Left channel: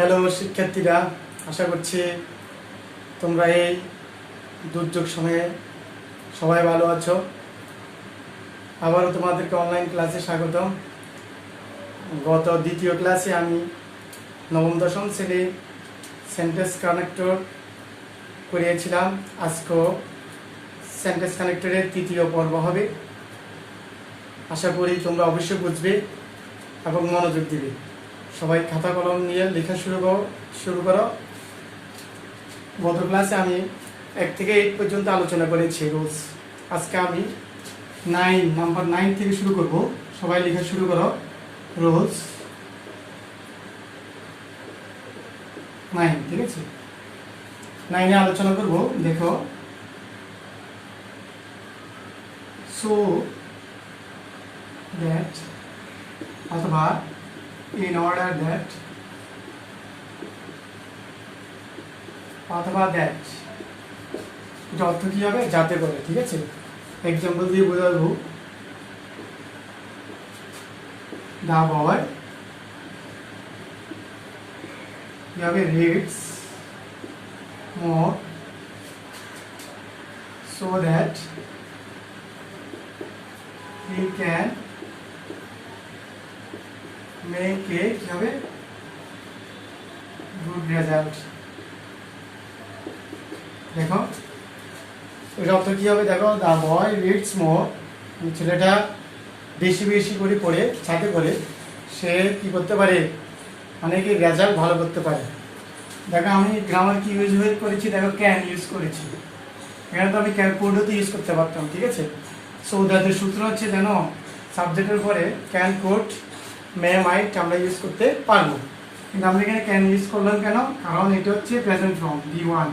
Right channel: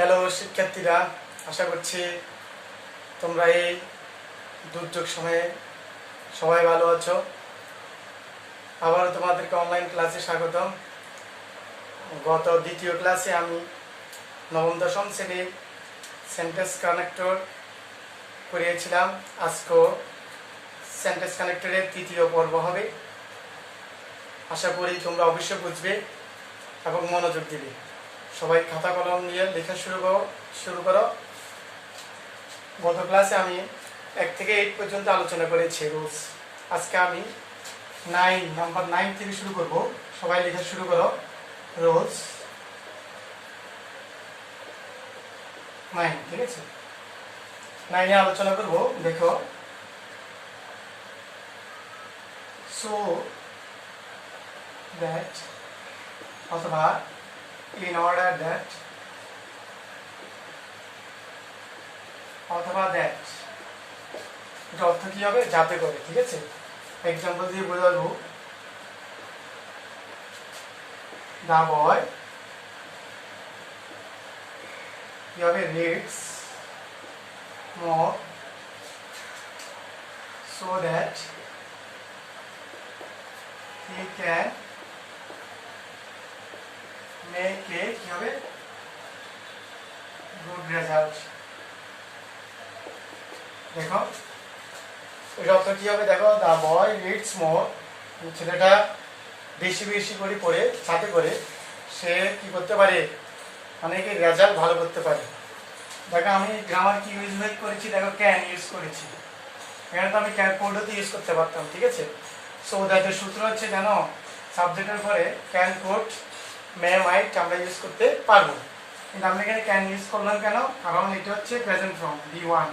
Hello শিক্ষার্থীরা, আশা করছি তোমরা এই দুর্যোগ সময়ে সবাই ভালো আছো। আবারও তোমাদেরকে অনলাইন ক্লাসে স্বাগতম। গত দ্বিতীয় ক্লাসে আমি নবম দশম শ্রেণীর সেন্টেন্স কানেক্টর করিয়েছিলাম। আজকেও সেন্টেন্স কানেক্টরের তৃতীয় পর্ব হবে। আশা করি তোমরা অবশ্যই বুঝবে এবং মনোযোগ দিবে। সবাই খাতা কলম নিয়ে লেখা শুরু করো। গত ক্লাসে আমি 1 থেকে 8 পর্যন্ত আলোচনা করেছি রুলস। আজকে আমি নাম্বার 9 থেকে শুরু করব। সবাই লেখা শুরু করো। রুলস 9, ঠিক আছে? 9 এ আলোচনা করব। দেখো, সো দ্যাট অথবা in order that অথবা দ্যাট, এটা অর্থ কি হবে? যাতে করে, ঠিক আছে? এক্সাম্পল দিয়ে বোঝাবো। দা বয় কি হবে? Reads more so that he can make a কি হবে? Good result. দেখো, এর অর্থ কি হবে? দেখো, দা বয় রিডস মোর, ছেলেটা বেশি বেশি করে পড়ে যাতে করে সে কি করতে পারে, মানে কি রেজাল্ট ভালো করতে পারে। দেখো, আমি গ্রামার কি ইউজ করেছি? দেখো, ক্যান ইউজ করেছি। এখানে তো আমি ক্যান কোডও ইউজ করতে পারতাম, ঠিক আছে? সো দ্যাটের সূত্র হচ্ছে, জানো, সাবজেক্টের পরে ক্যান কোড মে মাইট আমরা ইউজ করতে পারবো, কিন্তু আমরা এখানে ক্যান ইউজ করলাম কেন? কারণ এটা হচ্ছে প্রেজেন্ট ফর্ম, B1।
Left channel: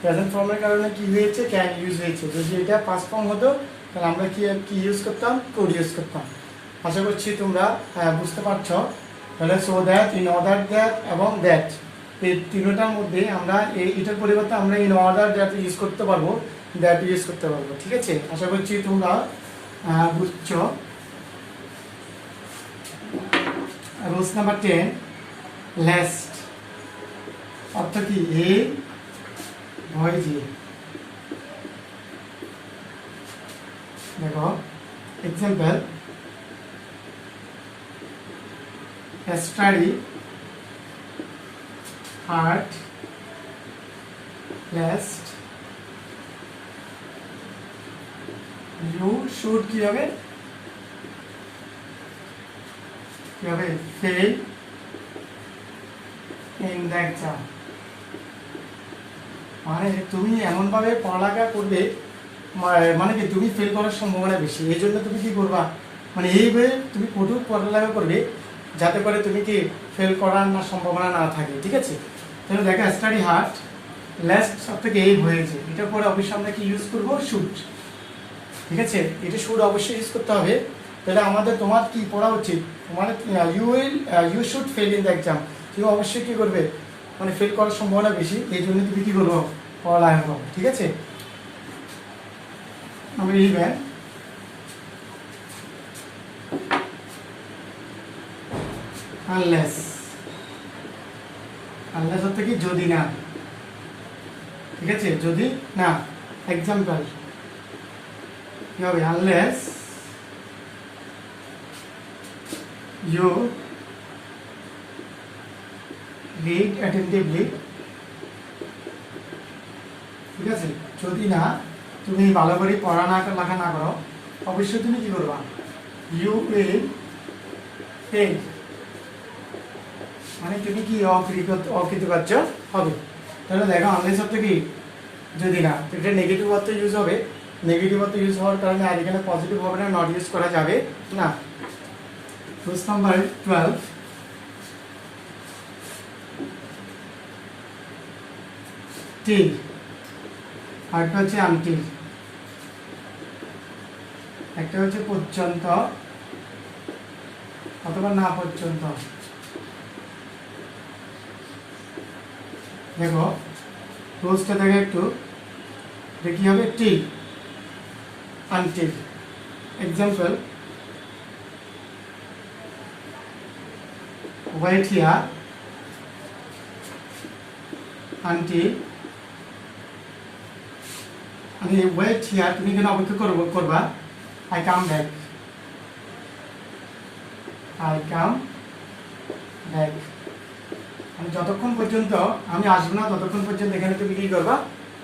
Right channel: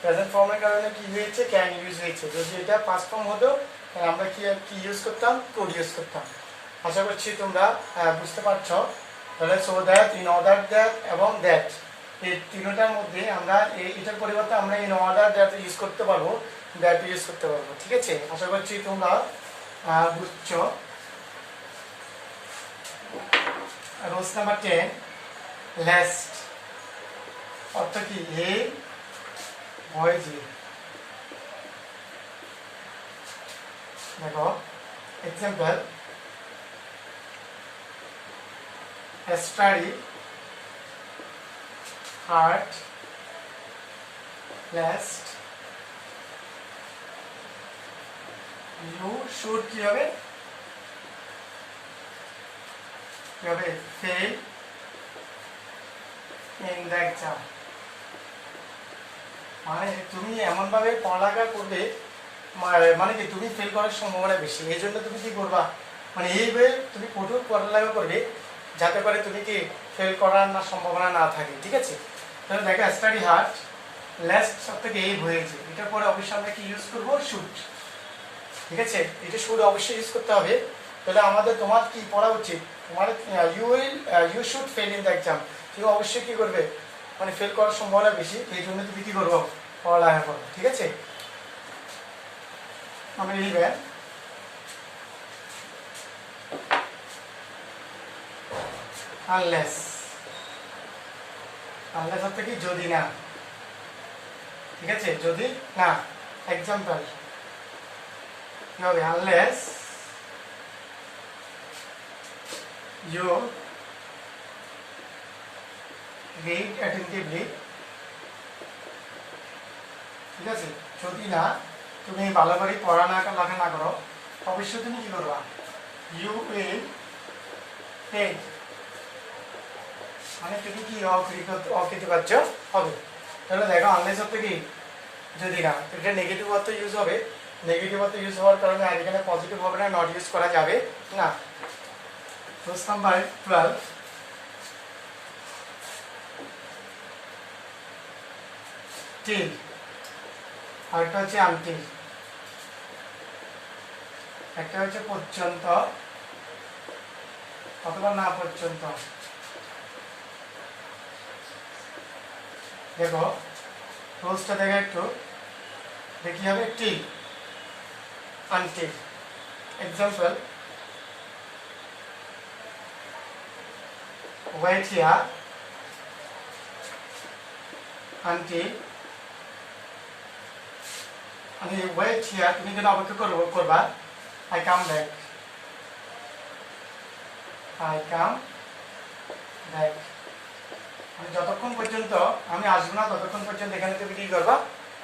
প্রেজেন্ট ফর্মের কারণে কি হয়েছে? ক্যান ইউজ হয়েছে। যদি এটা পাস্ট ফর্ম হতো তাহলে আমরা কি ইউজ করতাম? কোড ইউজ করতাম। আশা করছি তোমরা বুঝতে পারছো। তাহলে so that, in order that এবং দ্যাট, এই তিনটার মধ্যে আমরা এটার পরিবর্তে আমরা ইন অর্ডার দ্যাট ইউজ করতে পারবো, দ্যাট ইউজ করতে পারবো, ঠিক আছে? আশা করছি তোমরা বুঝছো। রুলস নাম্বার 10, লেস্ট অর্থ কি? এই ভয় দিয়ে। দেখো, example, study hard lest you should কি হবে? কি হবে? Fail in the exam. মানে তুমি এমন ভাবে পড়ালেখা করবে, মানে কি তুমি ফেল করার সম্ভাবনা বেশি। এই জন্য তুমি কি করবা, মানে এইভাবে তুমি কঠোর পড়ালেখা করবে যাতে করে তুমি কি ফেল করার না সম্ভাবনা না থাকে, ঠিক আছে? তাহলে দেখো, স্টাডি হার্ড লেস্ট সব থেকে এই হয়েছে, এটার পরে অবশ্যই আমরা কি ইউজ করবো? শুড, ঠিক আছে? এটা শুড অবশ্যই ইউজ করতে হবে। তাহলে তোমার কি পড়া উচিত? তোমার you should fail in the exam. তুমি অবশ্যই কি করবে, মানে ফেল করার সম্ভাবনা বেশি, এই জন্য তুমি কি করবো? পড়ালেখা করো, ঠিক আছে? আমরা লিখবেন আনলেস। আনলেস হচ্ছে কি? যদি না, ঠিক আছে? যদি না। এক্সাম্পল কি হবে? আনলেস ইউ রিড অ্যাটেন্টিভলি, ঠিক আছে? যদি না তুমি ভালো করে লেখা না করো, অবশ্যই তুমি কি করবা? ইউ উইল ফেল, মানে তুমি কি অকৃতকার্য হবে। তাহলে দেখো, আনলেস অর্থ কি? যদি না। এটা নেগেটিভ অর্থ ইউজ হবে। নেগেটিভ অর্থ ইউজ হওয়ার কারণে আর এখানে পজিটিভ হবে না, নট ইউজ করা যাবে না। রুলস নাম্বার 12, টিল, আরেকটা হচ্ছে আনটিল। একটা হচ্ছে পর্যন্ত অথবা না পর্যন্ত। দেখো, রুলসটা দেখে একটু দেখি হবে। Till, until. Example, wait here until আমি ওয়েট হিয়ার, তুমি এখানে অপেক্ষা করবা, I come back, I come back, মানে যতক্ষণ পর্যন্ত আমি আসবো না ততক্ষণ পর্যন্ত এখানে তুমি কি করবা,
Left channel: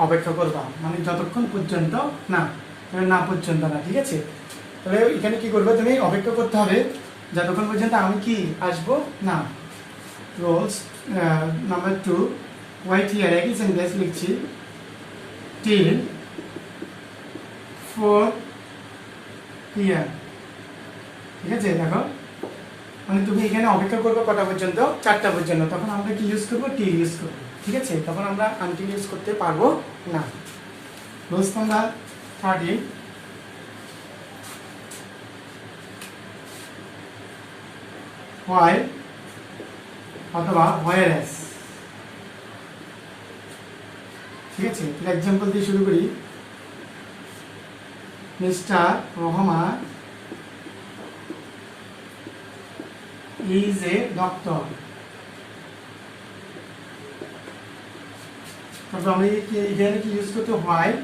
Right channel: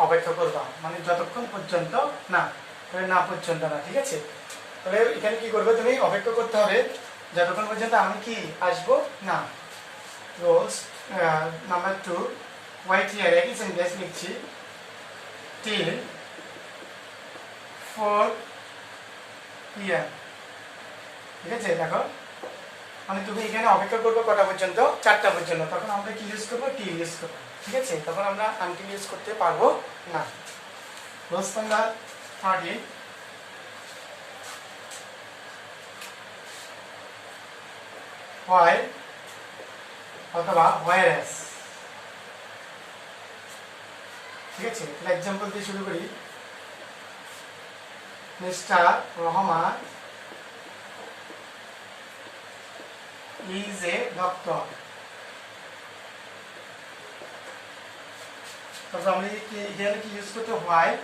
অপেক্ষা করবা, মানে যতক্ষণ পর্যন্ত না, না পর্যন্ত না, ঠিক আছে। তাহলে এখানে কি করবে, তুমি অপেক্ষা করতে হবে যতক্ষণ পর্যন্ত আমি কি আসবো না। রোলস নাম্বার 2, ওয়েট হিয়ার, একই সেন্টেন্স লিখছি, টিল 4 PM, ঠিক আছে। দেখো মানে তুমি এখানে অপেক্ষা করবে কটা পর্যন্ত, 4টা পর্যন্ত, তখন আমরা কি ইউজ করবো, টি ইউজ করবো, ঠিক আছে। তখন আমরা আনটিল ইউজ করতে পারবো না। রোলস নাম্বার 13, হোয়াইল অথবা হোয়ারএস, ঠিক আছে। এক্সাম্পল দিয়ে শুরু করি, mister Rahman is a doctor, তারপর আমরা এখানে কি ইউজ করতে, হোয়াইল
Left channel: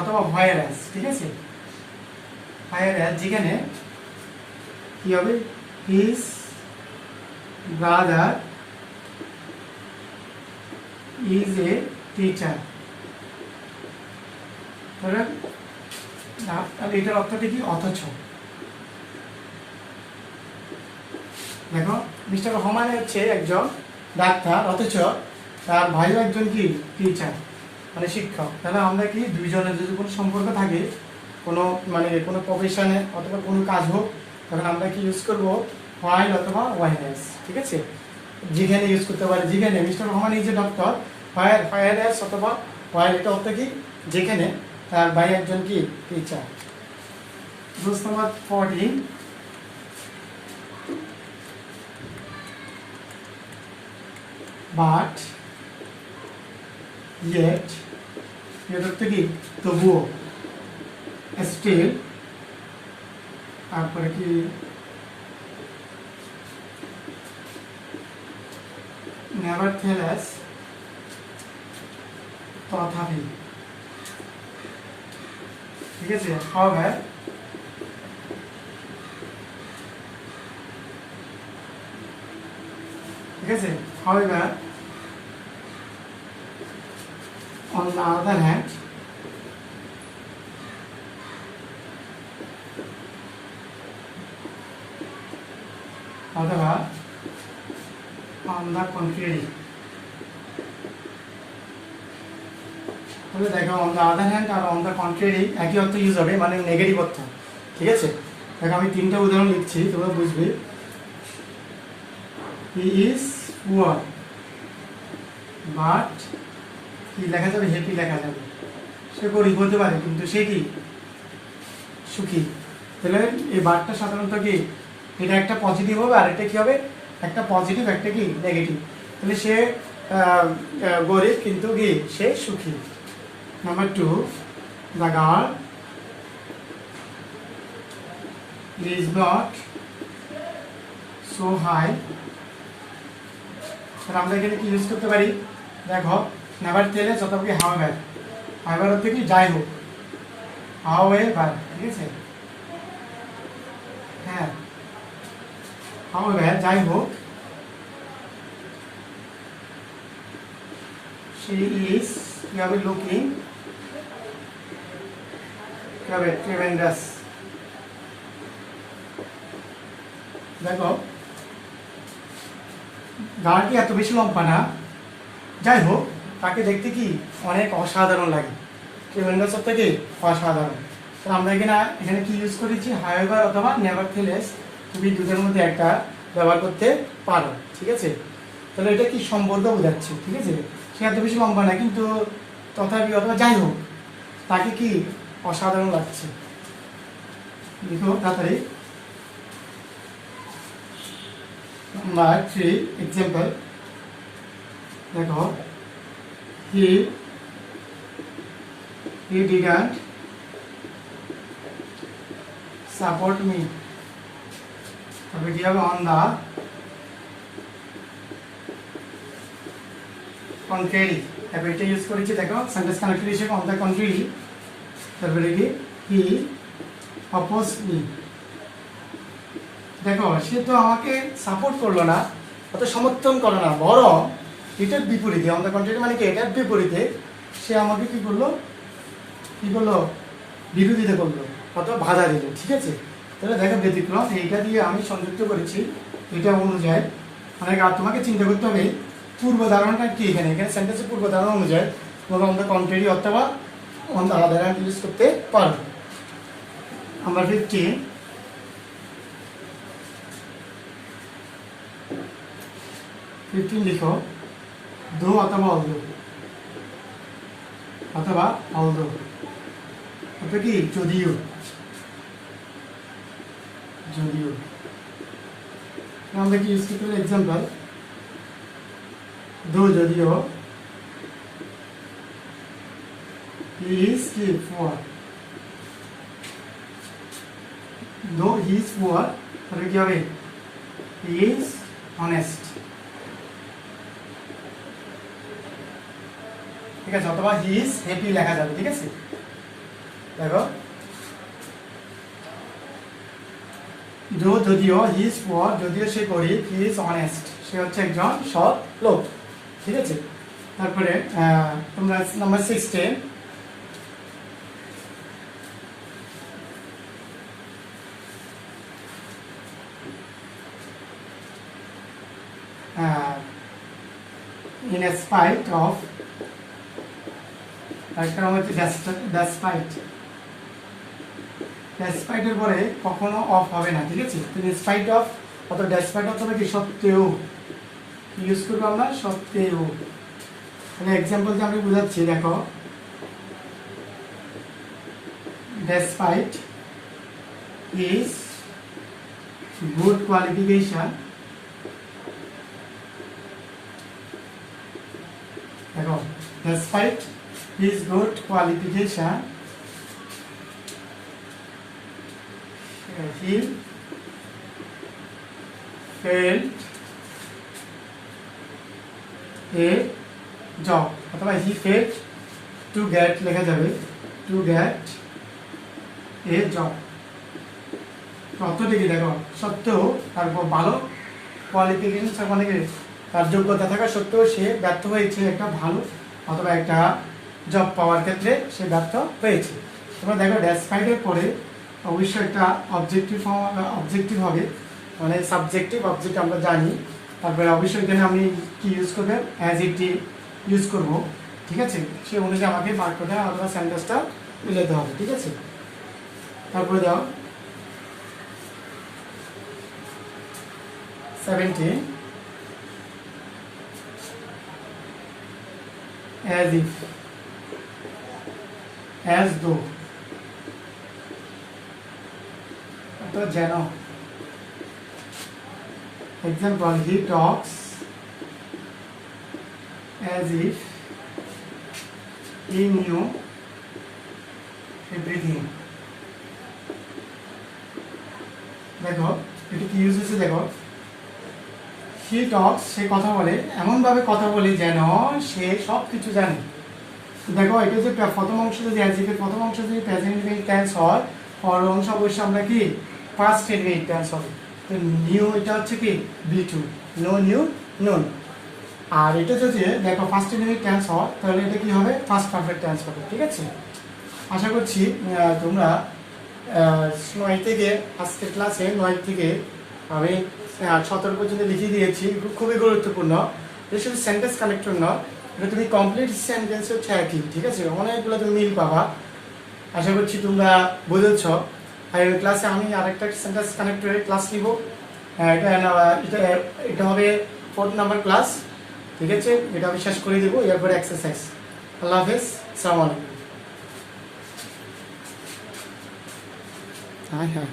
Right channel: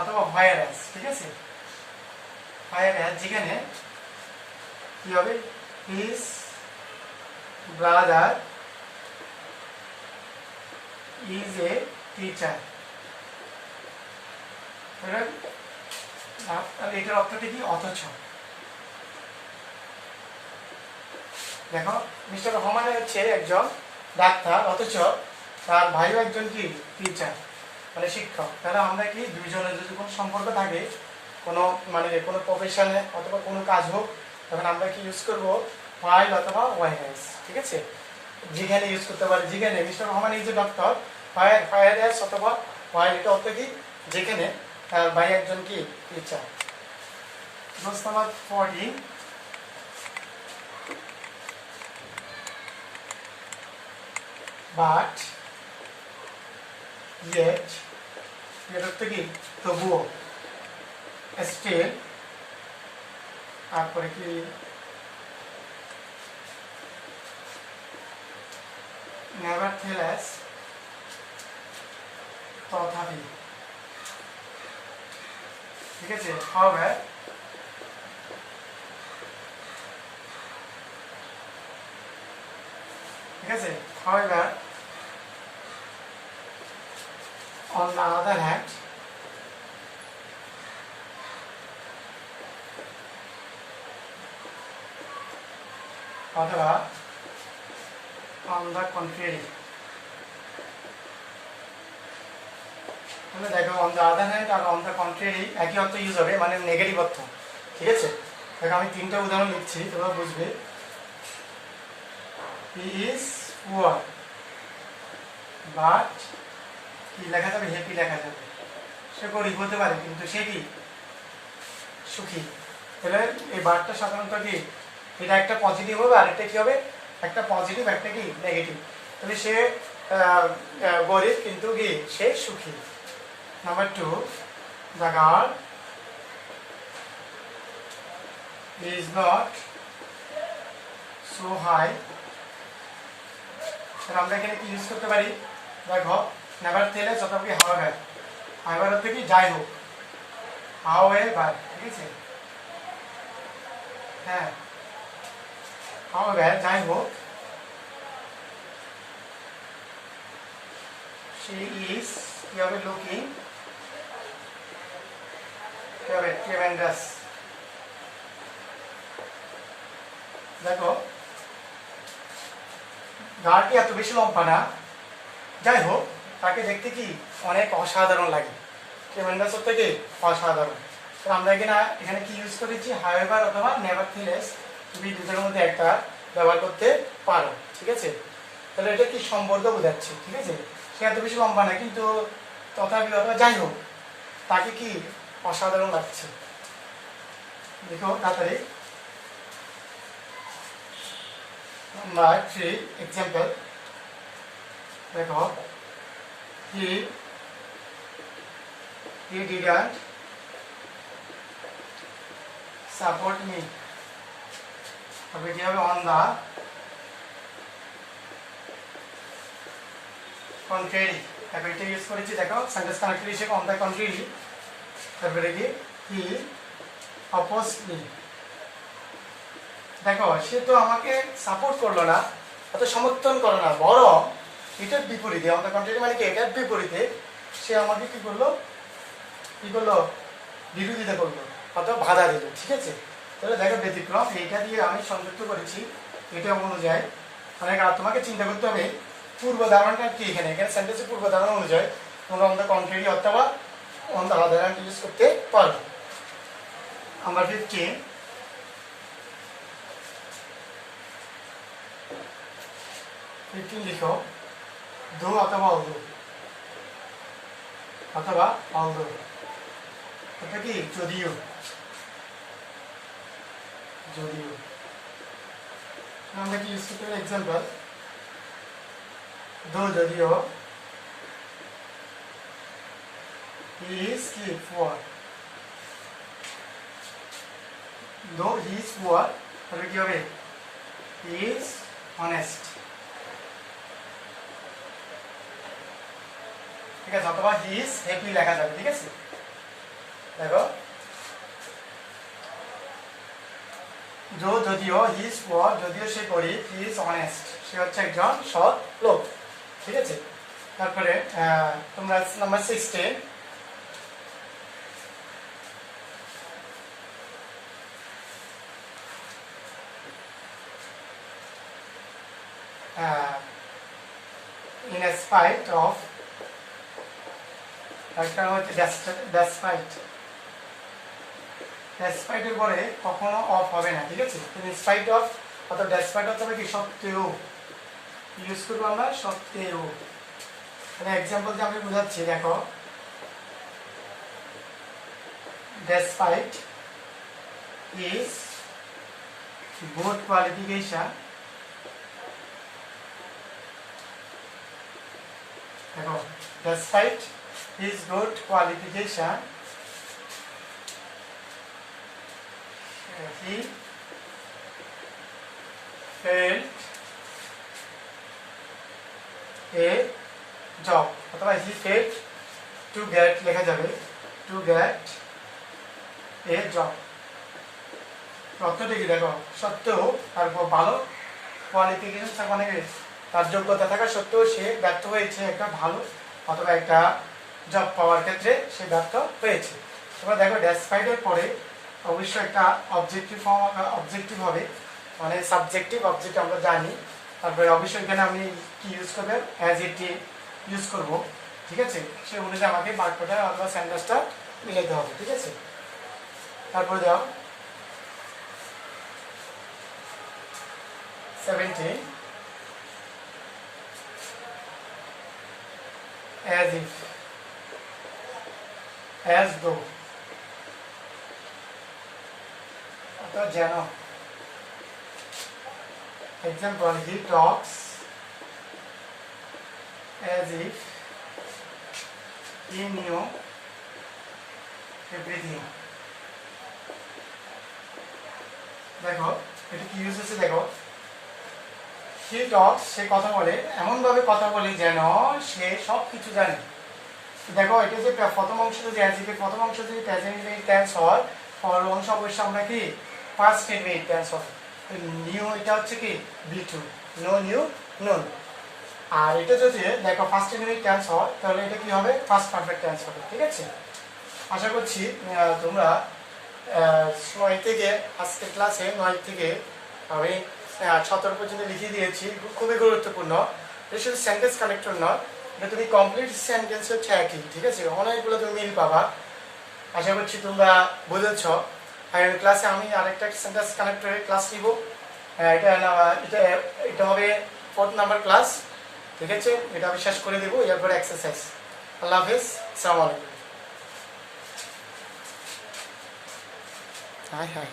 অথবা হোয়ারএস, ঠিক আছে। হোয়ারএস যেখানে কি হবে, his brother is a teacher, তাহলে এটার অর্থটা কি, অথচ। দেখো মিস্টার রহমান হচ্ছে একজন ডাক্তার, অথচ তার ভাইও একজন কি, টিচার, মানে শিক্ষক। তাহলে আমরা কি দুইজনের যদি কোনো সম্পর্ক থাকে, কোনো মানে কোনো প্রফেশনে অথবা কোনো কাজ হোক, তখন আমরা কি ইউজ করবো, হোয়াইল অথবা ওয়াইএস, ঠিক আছে। যেখানে ইউজ করতে পারি, যেখানে mister Rahman is a doctor, whereas অথবা হোয়াইল, এটা অর্থ কি, যেখানে তার ভাই একজন কি, teacher. Rolls number 14, but yet, এর অর্থ কি, তবুও, স্টিল, তারপরে কি নেভারথেলেস, তথাপি, ঠিক আছে। however, ঠিক আছে। however, on the other hand, অথবা on the contrary, তুমি দেখো on the other hand R on the contrary একই অর্থ ইউজ হবে, মানে নেগেটিভ অর্থ, ঠিক আছে। দেখো আমি 3টা উদাহরণ লিখছি, তোমরা বুঝবে। he is poor, but কি লেখা যাবে, হ্যাপি লেখা যাবে, সে গরিব হতে পারে কিন্তু সে কি, সুখী। তাহলে এই বার্তা সাধারণত কি, এটা একটা পজিটিভ হবে, আর একটা কি হবে, একটা পজিটিভ একটা কি নেগেটিভ। তাহলে সে গরিব কিন্তু কি সে সুখী। Number 2, the girl is not so high, আমরা এখানে কি ইউজ করতে পারি, দেখো নেভারথেলেস অথবা কি হাওয়েভার, হাওয়েভার অর্থ কি যাই হোক, হাওয়েভার, ঠিক আছে। হ্যাঁ, হাওয়েভার যাই হোক, she is কি হবে, looking কি হবে, tremendous। দেখো গাড়িটি এত বেশি লম্বা না, যাই হোক তাকে দেখতে কি অনেক অসাধারণ লাগে, ট্রেমেন্ডাস অর্থ কি অসাধারণ। তো আমরা এখানে কি ইউজ করেছি, হাওয়েভার অথবা নেভারথেলেস, তুমি দুটোর মধ্যে একটা ব্যবহার করতে পারো, ঠিক আছে। তাহলে এটা কি সম্বন্ধ বোঝাচ্ছে, ঠিক আছে। সে এত বেশি লম্বা না কিন্তু তথাপি অথবা যাই হোক তাকে কি অসাধারণ লাগছে। দেখো তাড়াতাড়ি, নাম্বার 3 এক্সাম্পল, দেখো he didn't support me, তবে কি হবে, on the কন্ট্রারি, তারপর এটা ইউজ করেছি দেখো সেন্টেন্স কানেক্টর হিসেবে অন দ্য কন্ট্রারি, তারপরে কি হি অপোজড মি। দেখো সে তো আমাকে সাপোর্ট করলো না, অত সমর্থন করলো না, বরং এটার বিপরীতে, অন দ্য কন্ট্রারি মানে কি এটার বিপরীতে সে আমাকে কি করলো বিরোধিতা করলো অথবা বাধা দিল। ঠিক আছে, তাহলে দেখো ব্যতিক্রম এইটা দিয়ে আমি সংযুক্ত করেছি, এটা অনুযায়ী মানে আর তোমাকে চিন্তা করতে হবে পূর্ব ধারণটা কি। এখানে সেন্টেন্সের পূর্ব ধারণা অনুযায়ী তোমরা অন দ্য কন্ট্রারি অথবা on the other hand use করতে পারো। আমরা 15 লিখো, দো অথবা অলদো, অথবা অলদো, তারপরে কি যদিও, আমাদের কি ইউজ করতে হবে এক্সাম্পল, দো যদিও he is কি poor, though he is poor, তাহলে কি হবে he is honest। ঠিক আছে, অথবা হি ইজ হ্যাপি লেখা যাবে। ঠিক আছে, দেখো যদিও হি ইজ পুয়ার, যদিও সে গরিব, হি ইজ অনেস্ট, সে হচ্ছে একজন সৎ লোক। ঠিক আছে, তারপরে তোমরা নাম্বার 16 in spite of, একটা নাম হচ্ছে ডেসপাইট এর পরে কখনো অফ হবে না। ঠিক আছে, স্পাইট অফ অথবা ডেসপাইট অথবা কি সত্ত্বেও ইউজ করবো আমরা, সত্ত্বেও। তাহলে এক্সাম্পল যে আমি বুঝাচ্ছি, দেখো ডেসপাইট ইজ গুড কোয়ালিফিকেশন, দেখো despite his good qualification he failed a job, অথবা he failed to get লেখা যাবে to get a job। অর্থটা কি দেখো, সত্ত্বেও তারপর ভালো কোয়ালিফিকেশন মানে তার যোগ্যতা থাকা সত্ত্বেও সে ব্যর্থ হয়েছে একটা ভালো অথবা একটা জব পাওয়ার ক্ষেত্রে সে ব্যর্থ হয়েছে। তোমরা দেখো ডেসপাইটের পরে অবশ্যই একটা অবজেক্টিভ ফর্ম, অবজেক্টিভ হবে, মানে সাবজেক্টিভ অবজেক্ট আমরা জানি। তারপরে অবশ্যই এখানে আমি কি ইউজ করবে, অ্যাজ ইট ইউজ করব। ঠিক আছে, সে অনুযায়ী আমাকে বাক্যটা অথবা সেন্টেন্সটা মিলাতে হবে। ঠিক আছে, তারপরে দাও 17 as if, as though, অর্থাৎ যেন। Example, he talks as if he knew everything। দেখো এটা কি ইউজ হচ্ছে, দেখো he talks, সে কথা বলে, এমন ভাবে কথা বলে যেন সে সব কিছু জানে। দেখো এটা যে প্রথম অংশটা যে অ্যাজ ইফ এর প্রথম অংশ যদি প্রেজেন্ট ইনডেফিনিট টেন্স হয়, পরের অংশ অবশ্যই আমরা কি পাস্ট ইনডেফিনিট টেন্স হবে। তো নিউ এটা হচ্ছে কি B2, নো নিউ নোন। আর এটা যদি দেখো ফার্স্ট ইনডেফিনিট টেন্স হয় তাহলে এটা কি হবে, ফার্স্ট পারফেক্ট টেন্স হবে। ঠিক আছে, আশা করছি তোমরা 9 থেকে আজকের ক্লাসে 9 থেকে আমি 17 পর্যন্ত লিখে দিয়েছি, খুবই গুরুত্বপূর্ণ। এটা শুধু সেন্টেন্স কানেক্টর নয়, এটা তুমি কমপ্লিট সেন্টেন্স হচ্ছে একই। ঠিক আছে, অনেকগুলো তুমি মিল পাবা, আশা করছি তোমরা বুঝেছ। আর ক্লাসে আমি আরেকটা সেন্টেন্স কানেক্টরের ক্লাস নিব, এটা হবে 4th নাম্বার ক্লাস। ঠিক আছে, এটা আমি শেষ করে দেবো, এরপরে এক্সারসাইজ। আল্লাহ হাফেজ, আসসালামু আলাইকুম। High high